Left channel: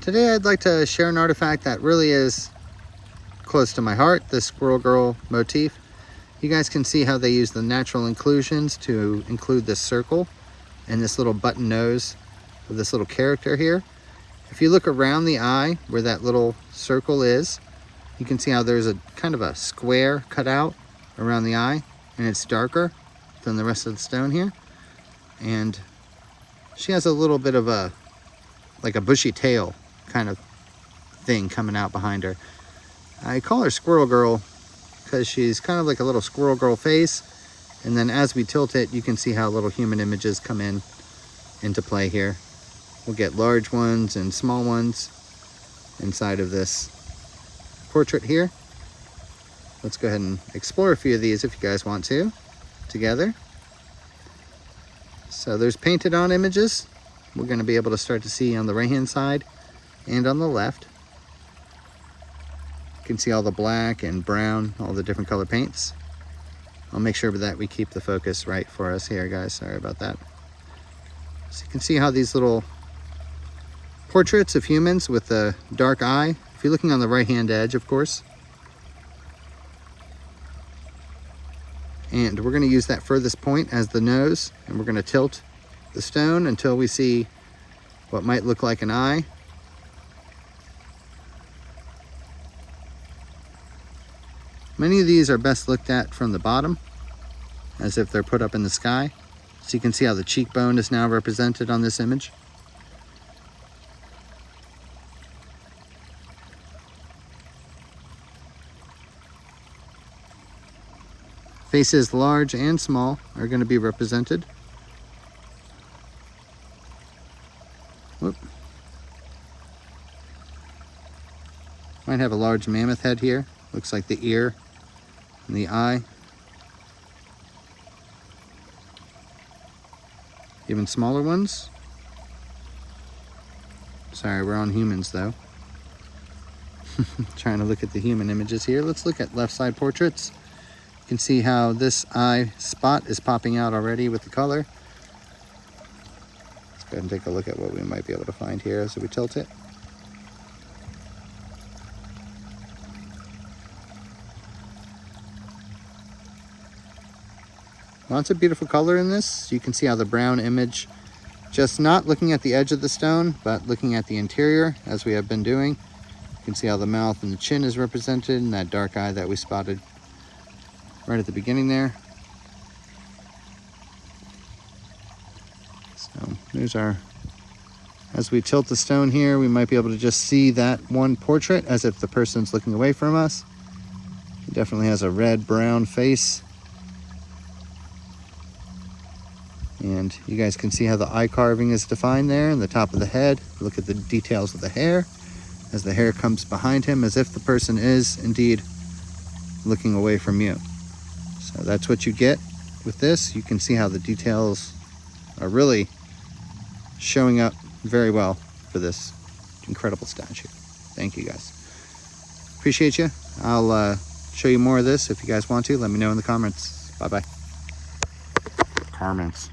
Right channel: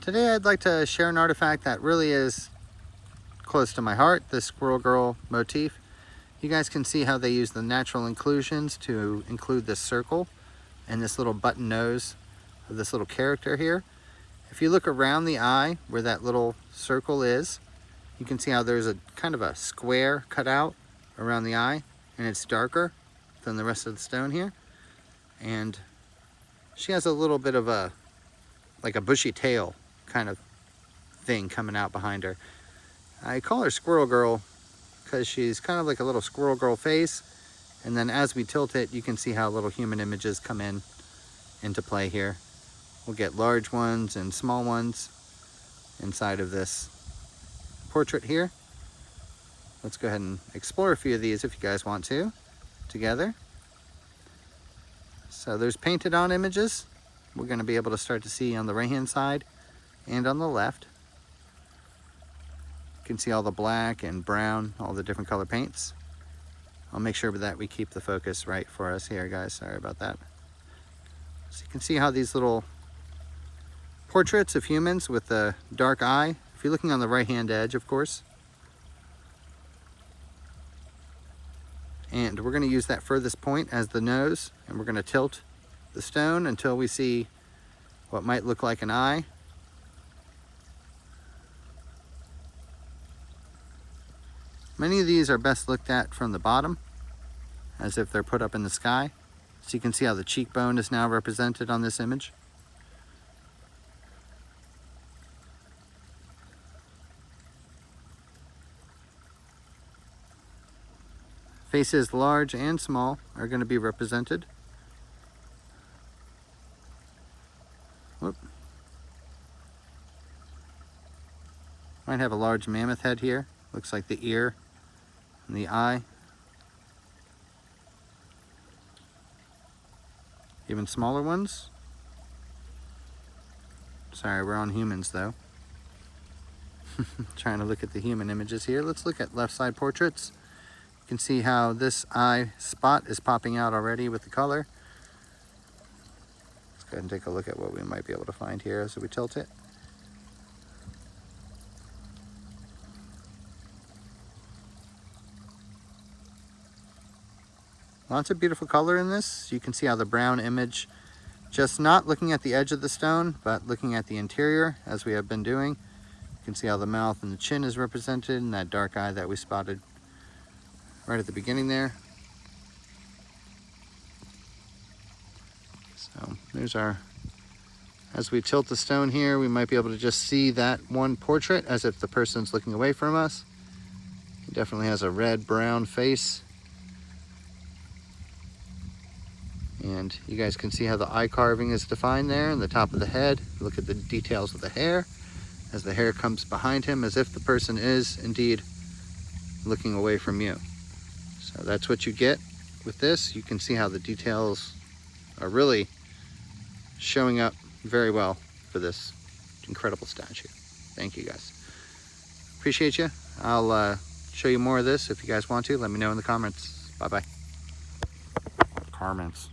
Today I'd like to share an artifact that really is close to my heart, the Squirrel Girl motif. You guys can see how they use the natural inclusions to include this circle and this little button nose of this little character here. If you look around the eye where that little circle is, you can see how there's a kind of a square cut out around the eye, and it's darker than the rest of the stone here. And she has a little bit of a, like a bushy tail kind of thing coming out behind her. I call her Squirrel Girl because she's kind of like a little Squirrel Girl face. And then as we tilt it, you can see how little human images come into play here. We'll get large ones and small ones inside of this portrait here. Let's go ahead and explore a few of these if you guys want to, together. So there's painted on images. We're going to be able to start to see on the right hand side and on the left. You can see all the black and brown, all the different color paints. I'll make sure that we keep the focus right for us here, guys. Sorry about that. So you can see how these little portraits of humans with the dark eye, if you're looking on the right hand edge, of course. And we're going to use that furthest point as the nose, and we're going to tilt the stone until we see what might look like an eye. Many of these are best looked at from the bottom, as if they're put up in the sky. So you can see how the cheekbone is now represented on this image. Faces large and small are going to be represented. Whoop. Might have a large mammoth head here. Looks like the ear and the eye. Even smaller ones. Sorry, we're on humans though. Trying to look at the human images here. Let's look at left side portraits. You can see how this eye spot is popping out already with the color. Let's go ahead and take a look at what we might be able to find here as we tilt it. Lots of beautiful color in this. You can see how the brown image, just not looking at the edge of the stone, but looking at the interior as we have been doing. You can see how the mouth and the chin is represented in that dark eye that we spotted right at the beginning there. So there's our, as we tilt the stone here, we might be able to just see that one portrait as if the person's looking away from us. He definitely has a red brown face. And you guys can see how the eye carving is defined there in the top of the head. Look at the details of the hair as the hair comes behind him, as if the person is indeed looking away from you. So that's what you get with this. You can see how the details are really showing up very well for this incredible statue. Thank you guys. Appreciate you. I'll show you more of this if you guys want to. Let me know in the comments. Bye-bye. Comments.